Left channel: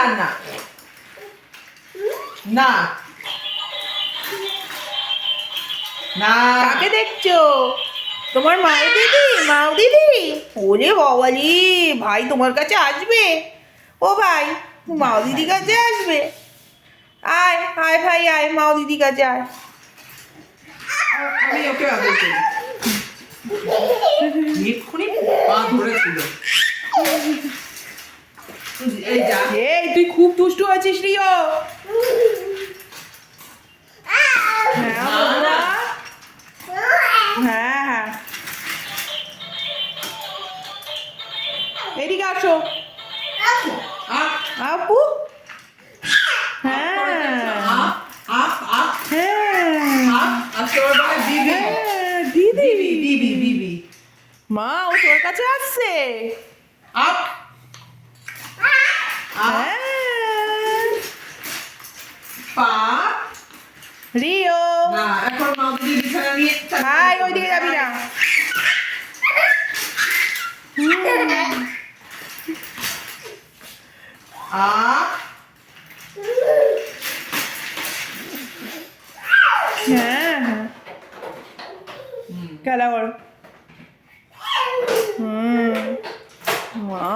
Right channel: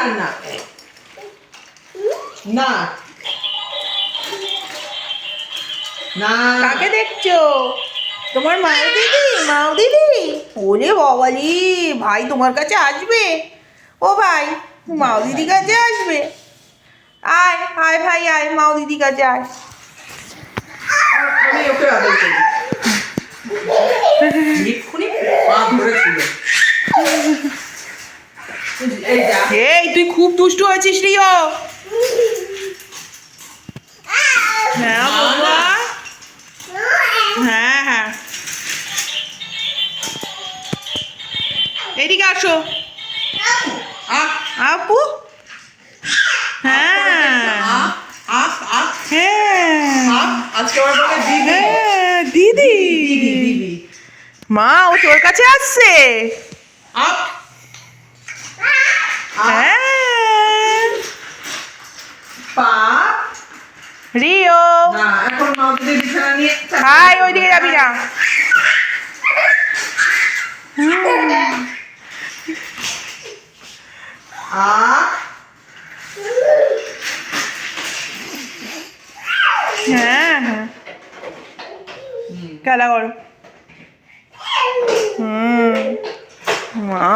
না না না না। কাকে দেখছো? তোমার মাও দিদি? মাও দিদি? ওরে বাবালি, ভাই তোমার কাছে আসবে? ও ভাই, মাও দিদি কাছে আসবে? আয় আয় ভাই আয়, মাও দিদি কাছে আয়। আমি ওকে আদর করি। এক্ষুনি পা ধরেছিল। এই যা। এই তুই খুব দুষ্টু আছিস রিও। হ্যাঁ বাবা। হ্যাঁ হ্যাঁ, এদিকে আসো আপ আপু। হ্যাঁ আপ আপ আপ হ্যাঁ আপ। আজকে ওরা বলে দিদি হ্যাঁ, দিদি। দিদি দিদি। মা ও তোর কাছে আসছে। আপ হ্যাঁ পা। রিও, না এখন মা দিদি বিছানা নিয়ে হাই ওইদিকে যাবি না। আপ হ্যাঁ হ্যাঁ, খেলা করো। মা